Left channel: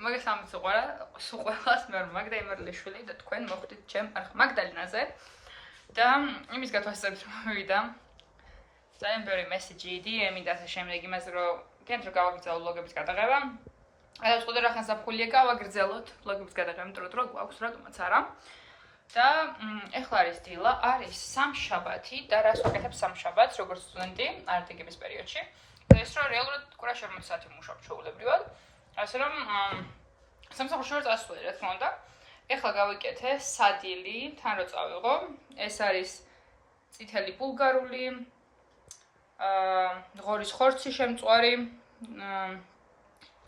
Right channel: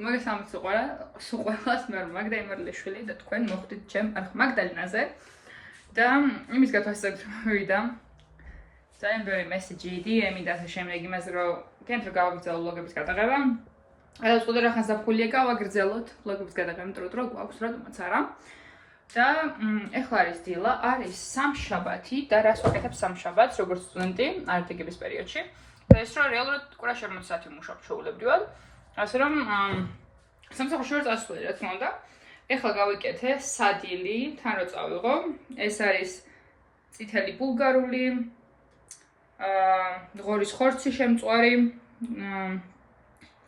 მაგას ამც უყურებს მე მაგდა იმერლიშვილი და თქვენ მოხვდით ჩემ არხ მაგდალინაზე და იმის გათვალისწინებით მოვიდა ძალიან ბევრი მესიჯი, DM-ი და ასე შემდეგ იმაზე რომ თქვენ რო გავაგრძელო ბლოგების გადაღება. აი ეს ყოდა რახან საფხულია გავაგრძელოთ ბლოგების გადაღება, იმიტომ რომ გვაქვს რატომაც არა. და ეხლა არის დილა, არის სამშაბათი და რას ვაკეთებ სამშაბათს, როგორც სტუდენტი, არტიგების პერიოდში. და ის რომ რეალურად კურა 40 საათი ვმუშაობ ჩვეულებრივად. ასე რომ სამსახურში ვარ წასული, რა თქმა უნდა. ეხლა გავიკეთე სადილი, თან რო წავიღო. ეს არის წითელი ბულგარული, ღორის ხორცი შემწვარი,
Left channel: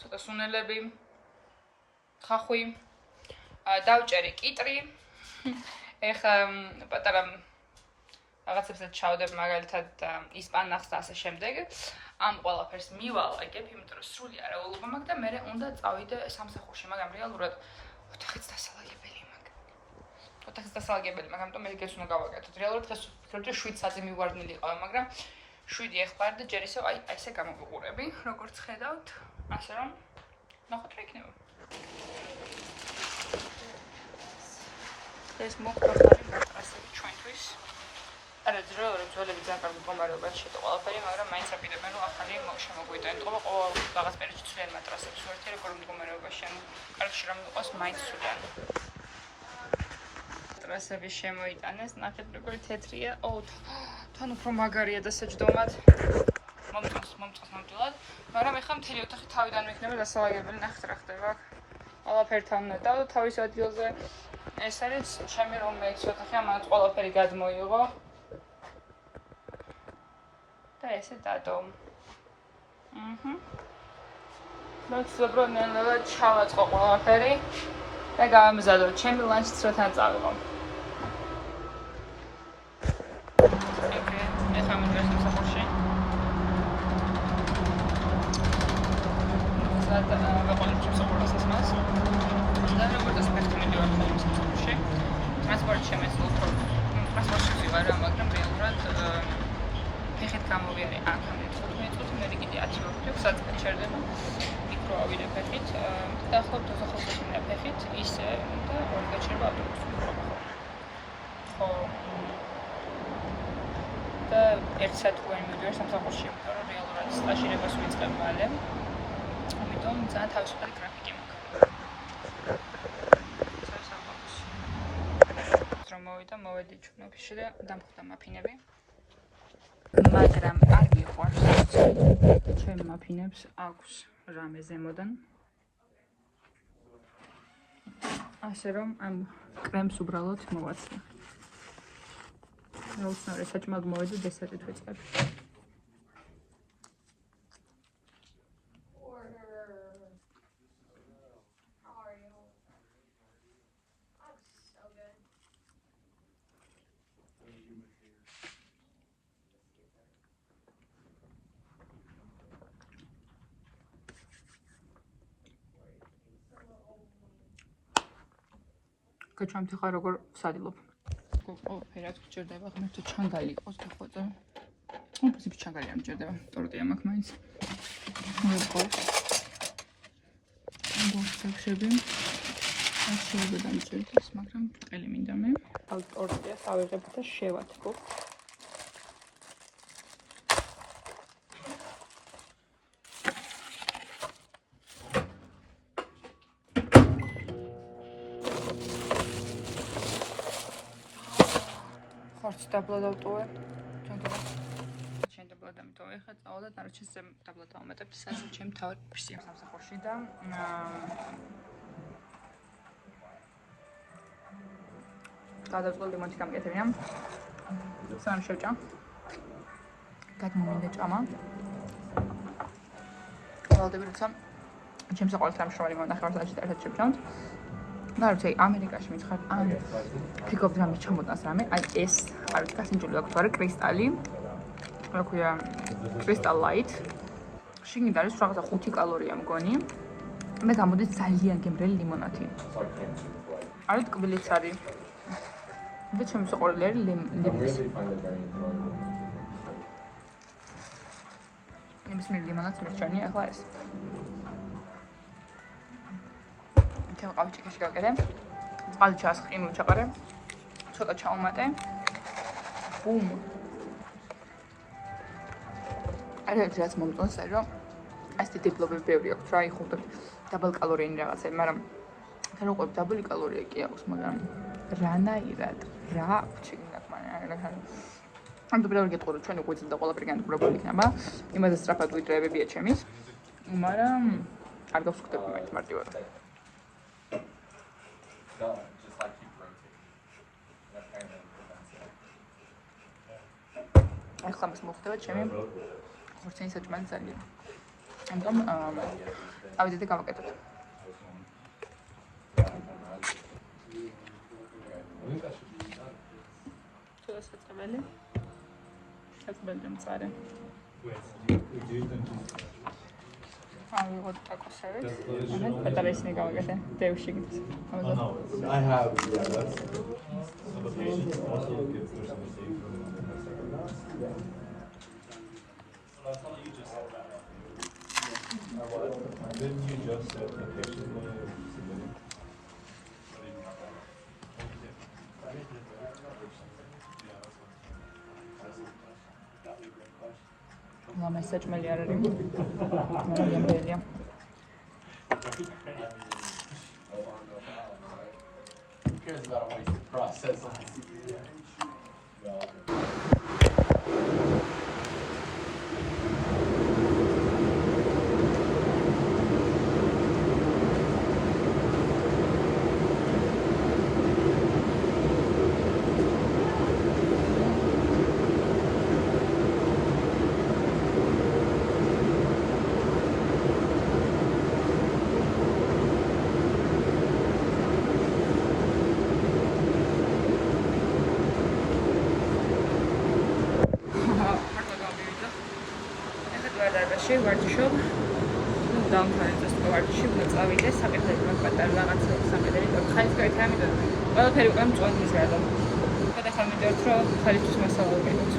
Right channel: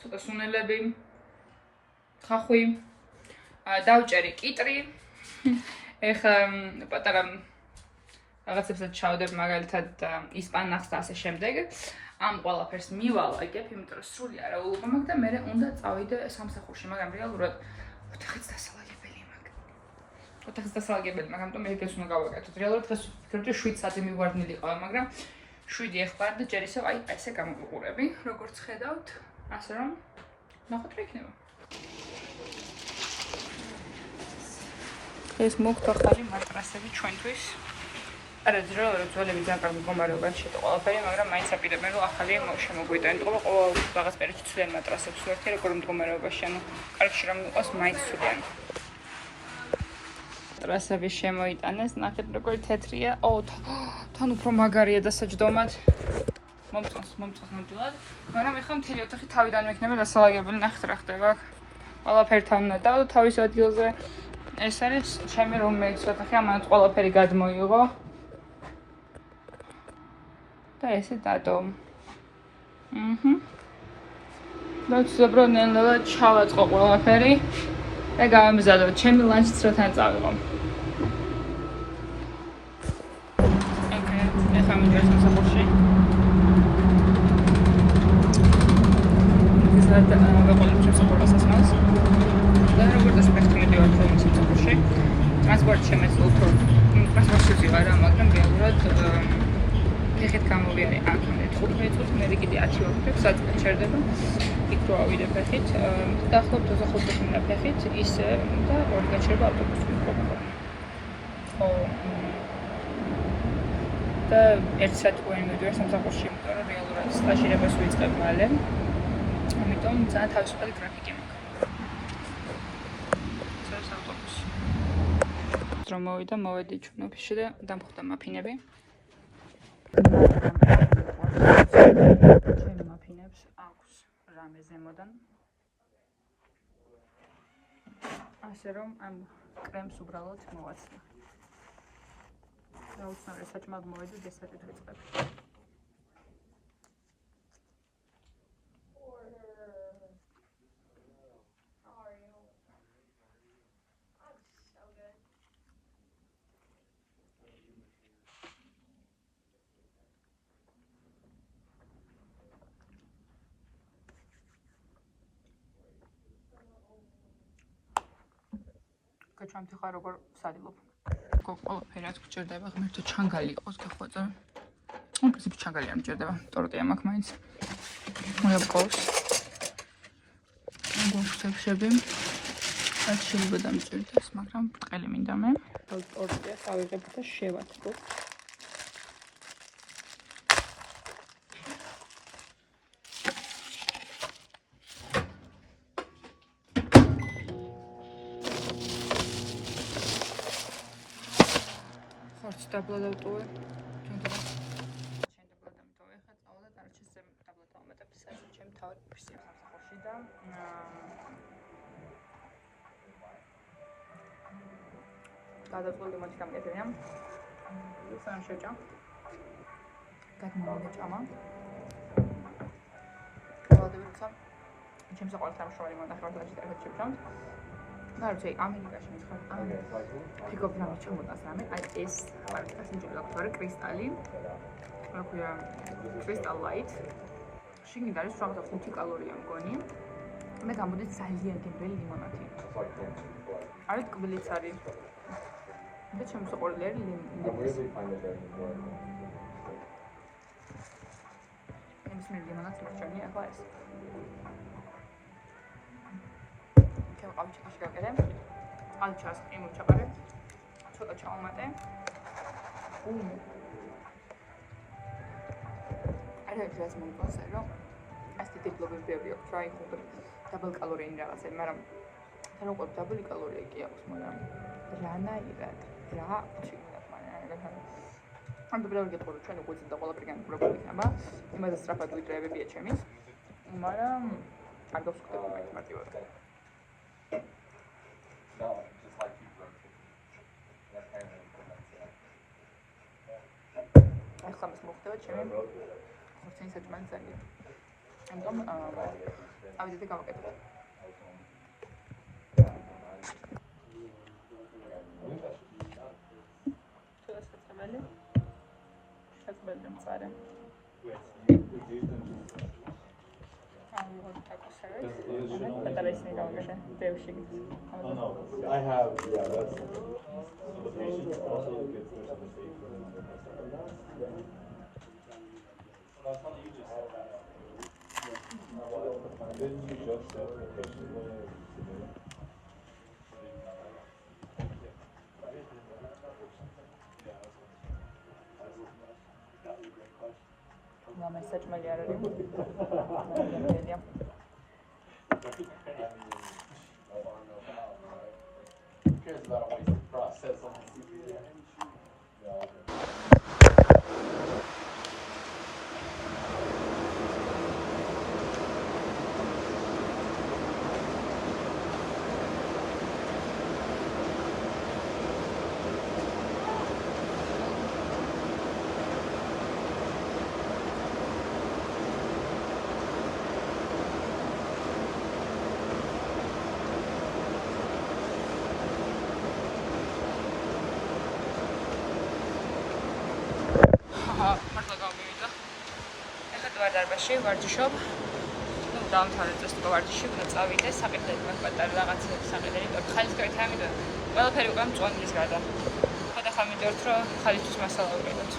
ცოტა სუნელები, ხახვი, დავჭერი კიტრი. ეხლა პატარა რაღაცებსაც ჩავდებ მაგალითად ისპანახს და ასე შემდეგ. ამ ყველაფერს მივალაგებ, იმიტომ რომ სრული არაულობა მაქვს და მე უნდა წავიდე სამსახურში, მაგრამ რეალურად ოთახიც დასალაგებელი მაქვს. ოთახიც დასალაგებელი, მაგრამ ამიტომ მე ეს უნდა გავაკეთოთ. რეალურად დღეს ვთქვი 7 საათი მივარდნილი ყავ, მაგრამ 7 ეხბარ და ჯერ ისევ აი ესე გამოგიყურები, როგორც ხედავთ, ასე რომ ნახოთ რა იქნება. ეს მოგთხოვარი მატრასები ჩვენთვის. არა ძროა ძოლები ძალიან კარგი მდგომარეობაში შეტო ყველაფერი, მაგრამ მაინც აპირებენ რომ ახალი შემოგვიტანო. იმიტომ რომ ყოველ რაღაც პერიოდში ცვლიან მატრასებს ვერთი როგორ მდგომარეობაში, ანუ კარგში რომ იყოს მაინც ცვლიან. მატრასები შემოიტანეს, ნახეთ როგორი თეთრია. თან უფრო მაგარია დასაჯდომად. მომწონს ნამდვილად, მაგრამ ეხლა მთელი ოთახი თავიდან მექნება დასალაგებელი, ნახეთ რა ხდება აქ. ყველაფერი თან უნდა დავდო თავის ადგილზე. ეს არის ჩემი რომეიქს ოთახი, ამანაც ყველაფერი გადმოიღო. და ესე დადო. მოცუბრო ნელა ჩავაწყო ყველაფერი და გამიზადო. ჩემი ლანჩიც რო თან წავიღო. ოკეი, ეხლა მივიდეთ სამსახურში. და ვეყოლებ ჩემს ყველასასმას. და როგორც ფაქტები ვარ სამსახურში. ტრანსპორტი შემეძლო უფრო პროფესიონალი ვარ, მაგრამ რეალურად ეხეთ გამოვიარე აქ 15 წუთი, მე კიდე 10 ვარ, საწყად ჩერდება. იქ რო ავიდე ფეხით, დაახლოებით 25 მინუტა ფეხით, ისე და ორი გაჩერება ავტობუსით. ხო. და 1 საათი გვიმოვიდა სამსახურში, იმიტომ რომ რეალურად სტაჟირებას ვიწყებ მალე. ამიტომ ძალიან თავისუფალი გრაფიკი. ეს ავტობუსი. რომ მოვედი ჩვენ ოფისში და დამხვდა მაფინები. მაგრამ არ მიყვარს. ჩემ მაფინებს აქვს რამე ზემოდან. ასე რომ ამ კრემს უბრალოდ მოვაცლე. ნაუცნაური საჭმელად მოვედი დესერტით ვიწყებ. გაჩვენთ ახლა როგორ ვსადილობ. ყველაფერი რაც გჭირდება, ღმერთო ჩანგალი იყოს გახვეწა. პრინციპი ჩანგალი არ მჭირდება, ტორტია მაქვს მაინც. მოიყვოს. გუშევშები. რაც შეიძლება დამჭირდეს, მაგრამ ბრტყელი მინდა მე. თავი ტორტია ავიღებ და შევათქო. ხორცი დაბლა დავტოვე. ჩვენ დაბლა დამიტოვე, ხა წავალ და დარჩენს დაბლა დავამატებ საერთოდ ჩემ თავად ფირსი სამსახურში და გადავწყვეტ ლიმონი გამკეთებია. სამ შევჭა. გადმოვიდა ჭამა. ვალდები როცა ჩემს საყვარელ სამშობლოში მონახევარსაჭიროებში ერთად შევჭამთ. და როცა ამერიკაში მითხარ ან ფიქობ რამე ჩამოტანს რამე, აი ეს არის გასინჯული აქვს ვარ კრისტალი. რა ქვია კრისტალ ლაით. შიგნით არის რაღაცა 5 კალორია მგონი. მე გამოდის ძალიან გემრიელი ლიმონათი. არის ტკბილიც არის. და ჩემს საყვარელი არის ლიმონი. ნებისმიერ ლიმონადს მირჩენია ახლა ეს. ჩემ ყავჩიკაში გავკეთე. წყალი ჩაასყინო ჩაყარე. ცოტა ჩაუმატე. ბუმ. რაც მომწონს, რომ ასეთი დიპლომები ბევრი აქვს, რა იხუტებ დაბალ კალორიიანი რაღაცები, მაგრამ თან უყურებ დაბალი კალორია კი აქვს, მაგრამ რანაირად რა ჩიგნა მაგრამ ან დაბალი გეტყორო ჩვენ უკვე ძილ და ყველაფერი განადგურებული იქნება, იმაზე სწრაფად ვიდრეებებია ჩემის, მაგრამ არ გავსკდები მარტივად. ახლა მას მოხდება ჩემი ხორცენის საჭმელი ძალიან. ამიტომ ავიდეთ გავაკეთოთ. ცოტა საჭმელი. საჭმელი მწარე. ავიღოთ ტაკოსებიც. ამეთ პატარა ისინი გავაკეთე. დევში გიც. I have that's Lama saçmalı ararım. Alayım böyle. ვარჯიშობ. ნუ დამთავრდეს ვარჯიში, უნდა წავიდე საკითხები მაგ პატარა რაღაცები საკითხები. ხალის გაიქ ამიდა. ყველაფერი უკვე მწვანდის გარდა. ხა მიდევთ რომ ხალისის მასალა ვიყოთ.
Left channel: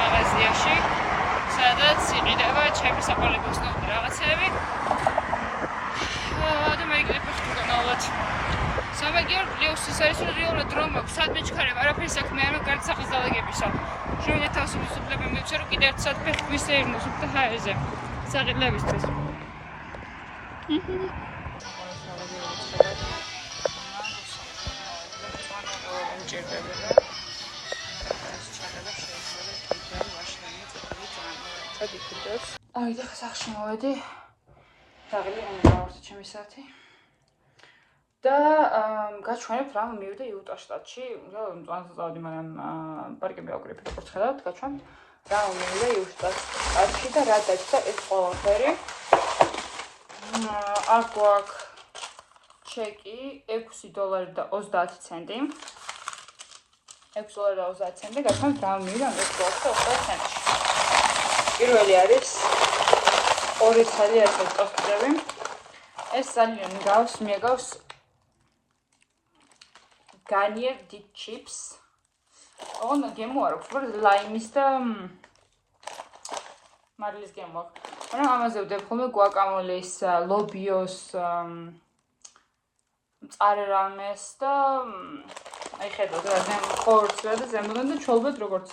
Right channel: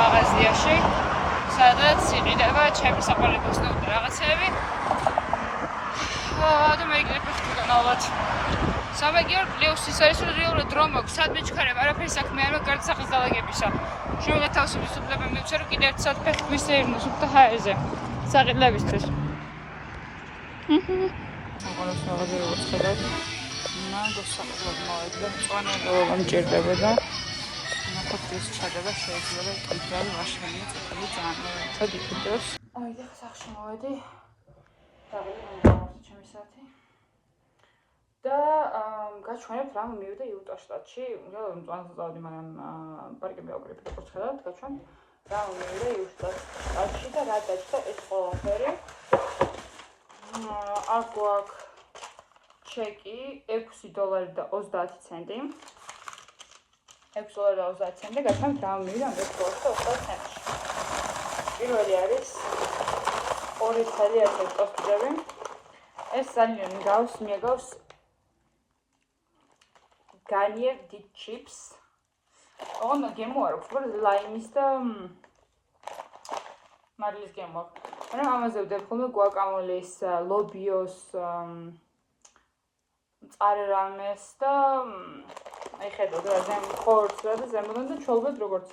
მაღაზიაში, სადაც იყიდება ჩემი საყოველთაო რაღაცები. და მე გიყიდებ ნოვად. საბაგიო ლეოსის არის რომ რეალურად დრო მაქვს, სადმე ჩქარებ, არაფერი საქმე არ მაქვს, გარდა სახის დალაგებისა. შევიდა თავს ვისუფლებ მივცე რომ კიდევ ერთ საათ ფეხით ვისეირნოს უკვე ჰაერზე. საყიდლებისთვის. მოვიდა. ფოტოს ჩადება შეიძლება კიდევ მაშინი წადი ფოტოს. აი და სახში მოვედი. დაღლი მომავსე ჩემი საათი. და გაჩვენებ რა მივიდა იუტა შტატში. რა მწვანეზე წავდი, მაგრამ პარკები ავკრიფე როგორც ხედავთ, გაჩვენ რა მივიდა იუტა შტატში და რა დაჭდა ეს ყველაფერი. აქ გვაქვს ჩეკი $6.30. $6.30 გაჩვენთ რა მივიდა $6.30. პირველი არის ორი ცალი ასეთ ტოსტები. ეს ძალიან მიაგავს Garnier Deep Chips. ოღონდ გემო არ აქვს, უბრალოდ ლაიმის და მარილის გემო აქვს. მაგრამ ამაზე ვდებ ხოლმე guacamoles, lobios, მწარე რამეს და აი ხედავთ რა ხორცს და ზემოდან და ჩოლბეთ როგორც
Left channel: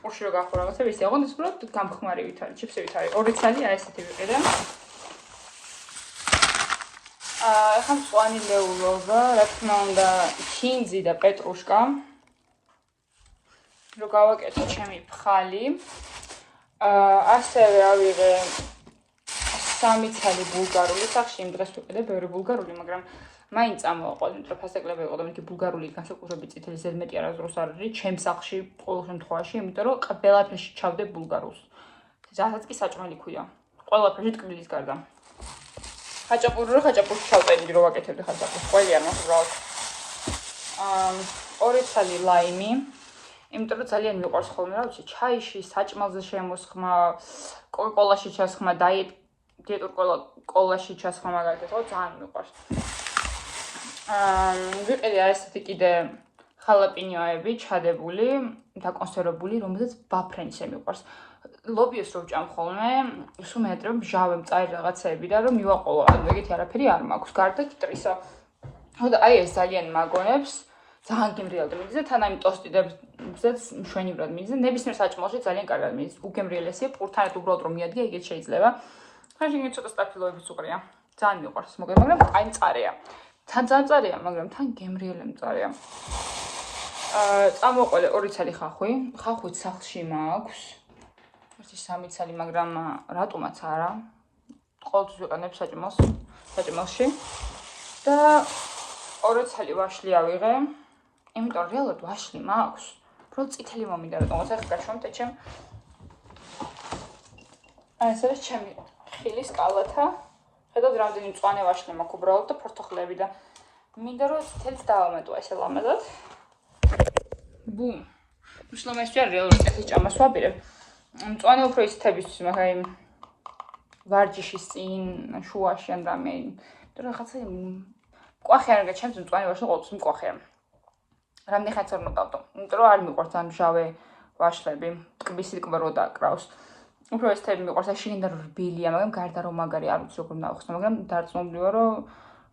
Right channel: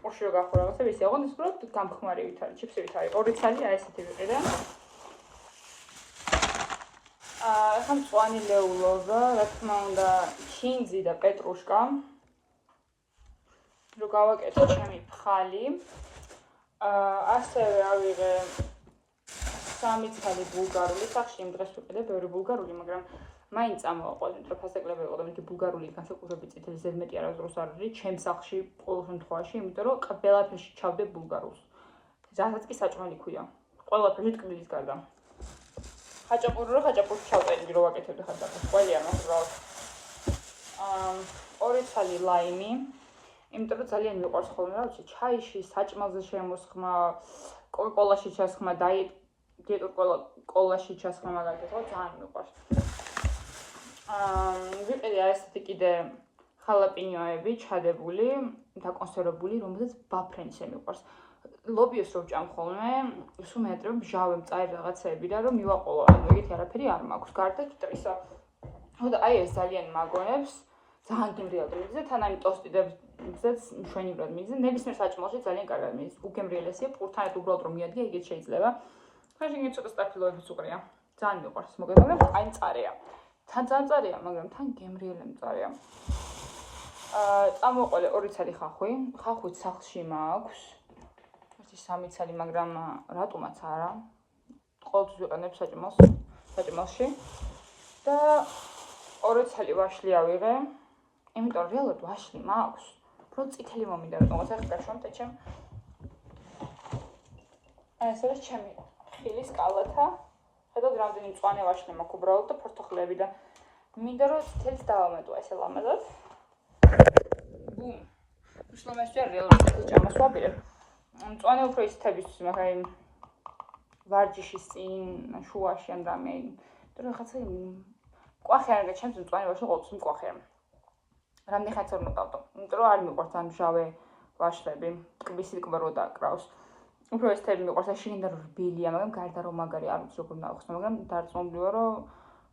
პურში რო გახო რაღაცა ისე. ოღონდ ეს უბრალოდ გამხმარივით არის, ჩიფსებით არის. ორი ცალი აი ესეთი ვიყიდე. ეხლა მწვანე ლეულობა, რა თქმა უნდა, ჩინძი და პეტრუშკა. რო გავაკეთე ჩემი ფხალი. ასევე ავიღე 3 ცალი ბულგარული, სახში იმ დღეს ვიყიდე ბევრი ბულგარული, მაგრამ მაინც წამოვაყოლე, იმიტომ რომ ფასეკლები იყო და მეთქი ბულგარული განსაკუთრებით წითელი ზედმეტი არასდროს არ არის, ჩემს სახში ყოველ შემთხვევაში, იმიტომ რომ ყველაფერში ჩავდე ბულგარულს. რასაც კი საჭმელი ქვია. ყველაფერში ტკბილის გარდა. ხაჭაპურში ჩავწერდი რომ ვაკეთებდი ხაჭაპურს. ყველი არ მაქვს უბრალოდ. ორი ცალი ლაიმი, იმიტომ რომ ძალიან მიყვარს ხოლმე რა ვიცი, ჩაიში, საჭმელზე შემოსხმა, კოლაში ჩასხმა, დიეტურ კოლაში ჩასხმა მაგალითად, ხო, ძალიან მიყვარს. ვიყიდე ესეთი კიდე ხალაპინიოები ჩადებული, დაკონსერვებული, რომელზეც ბაფრენისე მიყვარს. ლობიოს რო ვჭამ ხოლმე, სულ მეეტრებ მჟავე მწარი რაღაცეები და რომ მივაყოლო, ეგეთი არაფერი არ მაქვს, გარდა კიტრისა. ხო და აი ეს ძალიან მაგონებს, ძალიან გემრიელად მიდის და თან აი ტოსტიდებზეც მშვენივრად მიდის და ნებისმიერ საჭმელში ძალიან კარგად მიდის. უგემრიელესია, პურთანეთ უბრალოდ რომ მიადგე, ეგეც შეიძლება. ხანში იგი ცოტა სტაფილოებიც უყრია. ძალიან მიყვარს, მაგრამ აი მწარეა. თან ძალიან მწარეა, მაგრამ თან გემრიელი მწარეა. წამოყოლე 2 ცალი ხახვი. ხახვით სახლში მაქვს. 1-3 ცალი, მაგრამ რატომაც არა. ყოველთვის ვიყენებ საჭმელში. და 2 ცალი ვაშლი ავიღე. იმიტომ რომ რეალურად ვაშლი მაქვს. უბრალოდ წითელი მომინდა რატომაც ახლა გაშვამთ ეჩემ. აი ეს არის ჩემი ხილის კალათა. ხედავთ რამდენი მწვანე ვაშლი მაქვს უბრალოდ და ფორთოხლები და მინდა რომ წითელს დავამატო ესე ლამაზად. ბუმ. უშლომეს ჯერ რეალურად ეს ჭამას ვაპირებ. მწვანე უფრო ისეთებისთვის, მაგრამ ვარჯიშის წინ, შუაში ან რამე. და რაღაცა მკვახე არ გაჩემს მწვანე ვაშლი ყოველთვის მკვახეა. რამდენი ხანს არ მოკავდო. იმიტომ რომ არ მიყვარს ამ მჟავე ვაშლები, ტკბისი ტკბრო დაკრავს. უფრო ესეთები მიყვარს, შიგნით რბილია, მაგრამ გარდა რომ მაგარი არ ვიცი როგორ ნახსნა, მაგრამ დარწმუნებული ვარ, რომ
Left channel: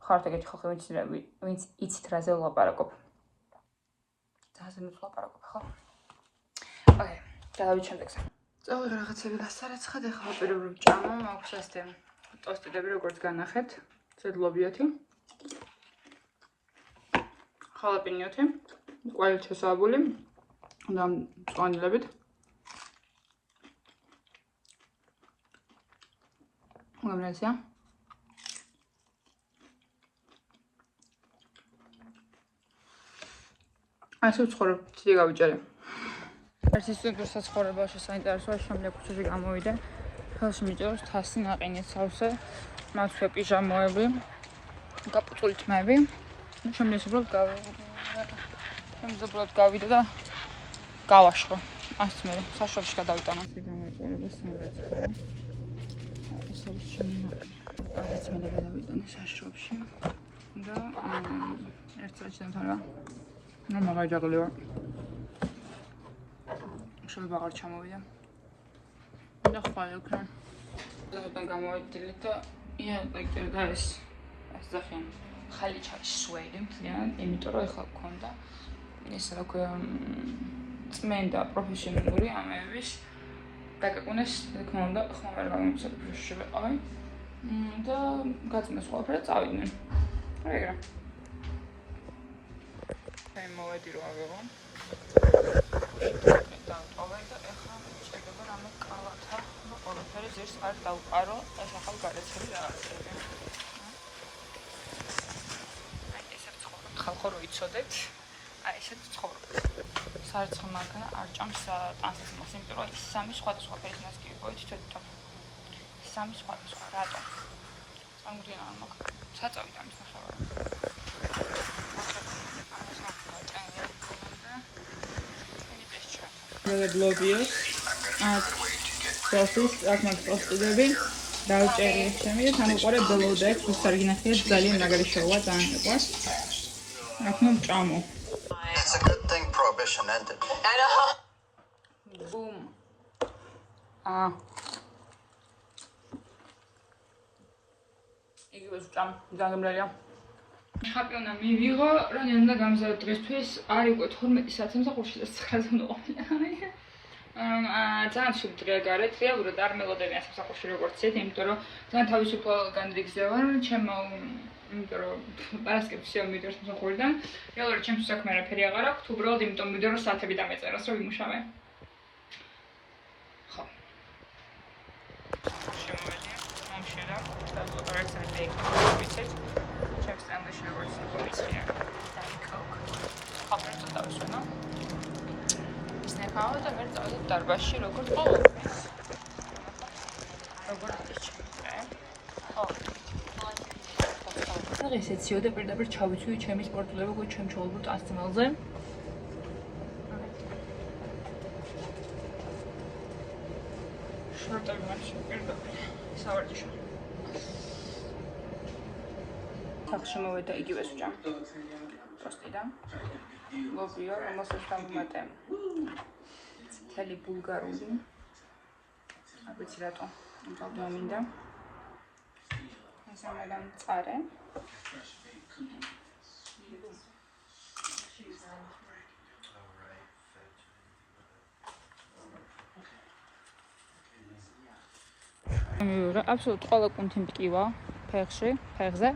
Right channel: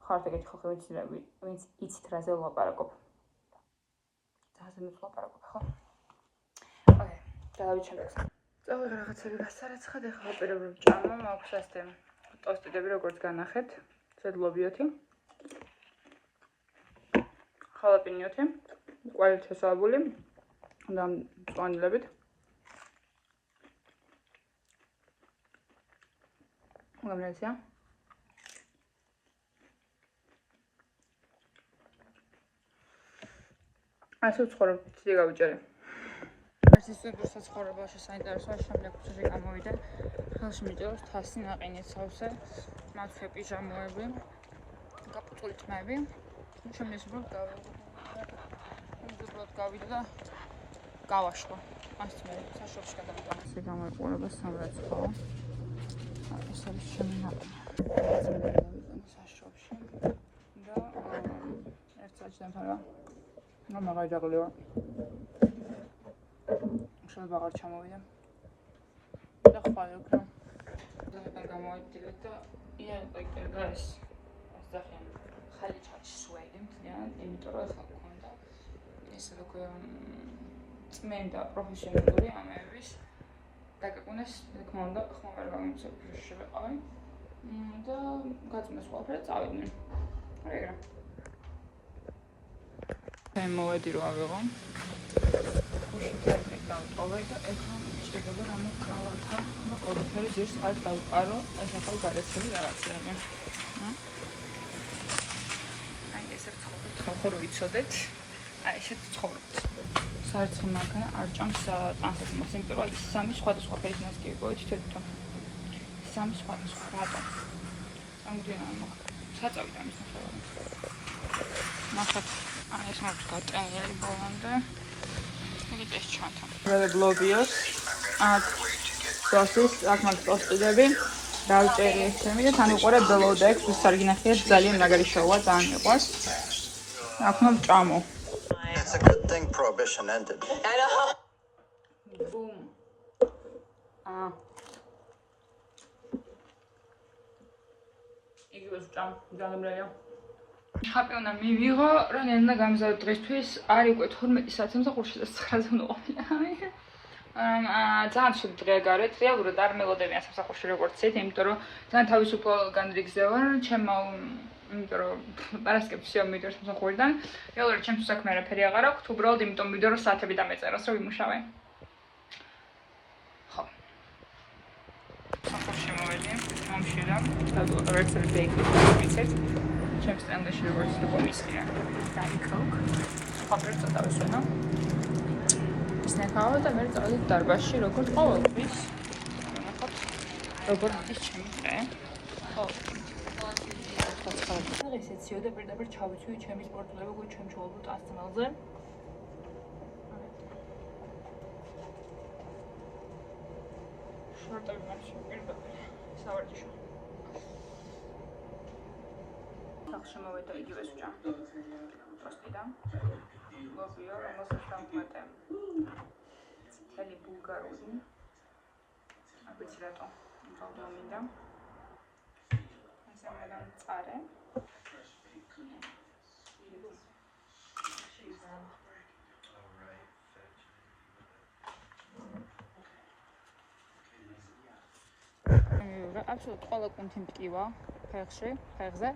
ხართ ეგეთი ხალხი, ვინც იცით რაზე ვლაპარაკობ. ძალზე ვლაპარაკობ, ხო? ოკეი, დავით შემდეგზე. წავიღე რაღაცები გასარეცხად, ეხლა ვაპირებ რომ ჭამო, მაქვს ასეთი ტოსტიდები, როგორც განახეთ, ზედლობიოთი. ხალაპინიოთი, კვალი ჩასავებული და მწვანილებით. გამრაზია. ასე ვცხოვრებ, ცივი გავიჭერე. ერთ ის საცხოვრებელში საინტერესოა, შემდეგ ქუჩაზე გამოვიდე. ხელში მიჭეროს თასი, ნაყინი, სავსე, მათვე პიჟამოები, გაპუწული თმები. შემდეგ უბრალოდ გავიდე და გავაშხო. ასე მე საშუალში გადავიტანო. ეს გამოიყურება სამრეცხო. საშრობში და ერთ საათში დამთავრდა. ნუ მაგაჯაღლიო. შეიძლება აღარ ჩამოვიდა. და ხვალე უკვე. ზოგადად გამოვიდნენ და იატაკი და ეს ზახენ ხალი ჩასვედი მთლიანად, იმიტომ რომ ეხლა გქონდა ეს რა ქვია წმენდა პროფესიონალური ამების დაკაკუნეს თქმა უნდა ხომ არ გამომცემ შეიყავი და გაწმეს ყველაფერი წავიდნენ. ეგრე. მე მოვედი რომ ავიღო. დავტოვე და ეხლა შეიძლება რომ კალათა და ყველაფერი ძირს არ დავყარო, ახლა გარეთები რაღაცები. აი ესე ცხოვრობთ ხალხო რო იცოდეთ. აი ესე ცხოვრობთ. საერთოდ მაგა არ ჭამს ტანსას მას, იმიტომ რომ სამი სხვადასხვა ფერის მას კი ვიყო თვითონ. სამი სხვადასხვა რატო? სამგზინო მაგ. საწავიდან ისაა. ნახეთ, აი ეს მაქვს გატანილი ბოლომდე. ეს ჩანთა. მე გლობიოს. პროცეს აქ მაქვს ტოსტიდები. დავჭერი ესემი და თან უყურებ ბელოდექს, ის არგინახია ძალიან მაგარი შოუა, ძალიან მიყვარს. აქ მომ ჭამო. It's a good thing prohibition ended. Boom. იგივე ვჭამ, გაგემრალია. ხაპიონა მივიღო, რა ნელა გამზადე დღისთვის, არის უკვე 12 საათი სამსახურში და 9-ზე ვიყავი. ძალიან სულ დღეა გარეთ, რეალურად არ მელოდებიან სამსახურში როგორც ეს, იმიტომ რომ ძალიან თავისუფალ განრიგზე ვარ, ჩემო, იმიტომ რომ პარასკევს მივიდე სამსახურიდან, რეალურად ჩემს საქმე არაფერი აღარ აქვს, უბრალოდ იმიტომ მივიდე რომ საათები დამეწეროს, რომ ვიმუშავე. ხო. სამსახურში მოვედი, მომშელა, და რეცეპტი ვიცით. ჩემს სტენდში როგორც კომისია. Diet Coke. ხაფერ ცოტა ვისვენო. ისნეკავა და მე წავედი დარბაზში როგორც ყოველთვის. ნახოთ. როგორ არის ჩემი დღე. ხო. დღეს ეციოდე პირდაპირ ჩავიცვი ჩემი სპორტულები, ჩემ ჩავალბო 10 წელზე. შორტები მაქვს პირდაპირ სავარჯიშო. სახში მოვედა იგივეს ვჭამ. პოსტიდან. ლობიო, რომელსაც დავუმატე. მთელი ბულგარული. არ ვიცი რატო. დავუმინდა. ასე მეგან წარე. აბსოლუტურად ყველა კუნთი მტკივა ფეხში, ფეხზე,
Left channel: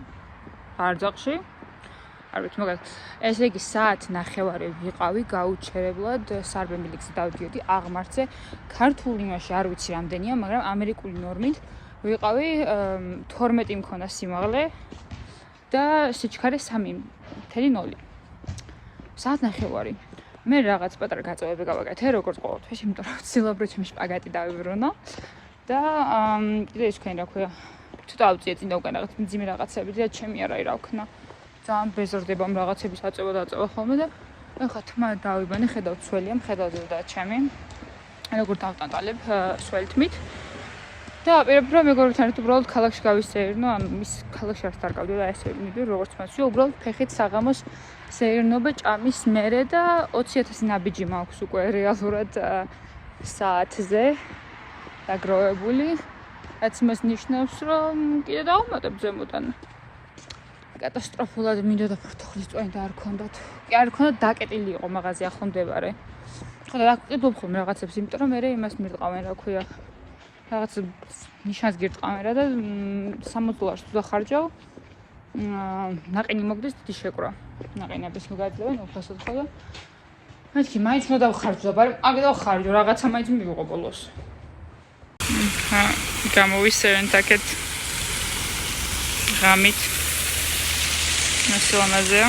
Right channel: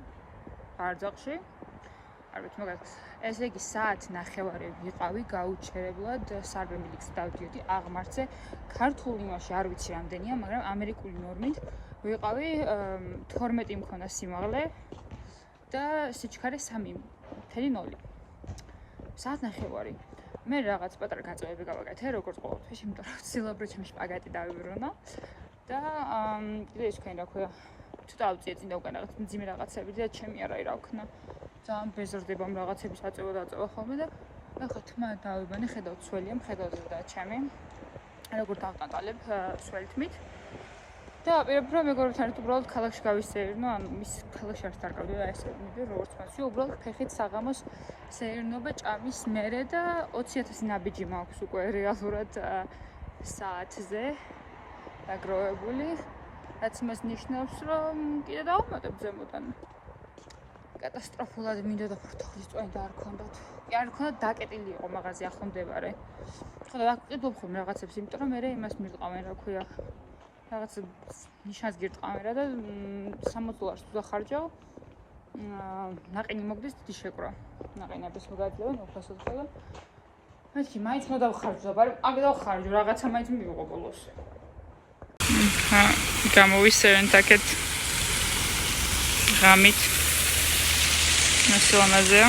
არძაყში. არ ვიცი, მაგალითად, ესე იგი საათ ნახევარი ვიყავი გაუჩერებლად სარბემილი გზით დავდიოდი აღმართზე. ქართულ იმაში არ ვიცი რამდენია, მაგრამ ამერიკული ნორმით ვიყავი 12 მქონდა სიმაღლე და სიჩქარე 3.0. საათ ნახევარი. მე რაღაც პატარა გაწევები გავაკეთე, როგორც ყოველთვის, იმიტომ რომ ვცდილობ რომ ჩემი შპაგატი დავიბრუნო. და კიდე ის თქვენ რა ქვია ცოტა ავწიე წინ და უკან რაღაც მძიმე რაღაცები და ჩემი არა რა ვქნა ძალიან ბეზრდება ამ რაღაცების აწევა ხოლმე და ეხლა თმა დავიბანე ხედავ ცველია მხედავზე და ჩემი როგორ დავტანტალებ სველთმით და პირებრო მეგობრებთან ერთად უბრალოდ ქალაქში გავისეირნო ამ ის ქალაქში არ დარგავდი და ესე მიდი როგორც მასში უბრალოდ ფეხით საღამოს სეირნობა ჭამის მერე და 20,000 ნაბიჯი მაქვს უკვე რეალურად საათზე დაგროვებული, რაც იმას ნიშნავს, რომ კიდე დავუმატებ ზემოდან. კატასტროფულად მინდოდა ფორთოხლის წვენი და არ ქონდათ. კი არ ქონდათ, დაკეტილი იყო მაღაზია ახლა მდებარე. ხო და დაკეტილ ხოლმე რაღაცებს, იმიტომ რომ მე იმას მირტყავენ, რა ქვია. რაღაც ნიშანს გირტყავენ რა და $60 თუ დახარჯავ. ნაყინი მოგდეს დიდი შეკრა. ნაყინების მოგაძლევენ უფასოდ ხო და მეთქი მაინც მოდავხარჯო, მაგრამ აგდო ხარჯო, რაღაცა მაინც მივიღო ბოლოს. გამოვისევენ თაკეთ ღამით მასლამაზეა.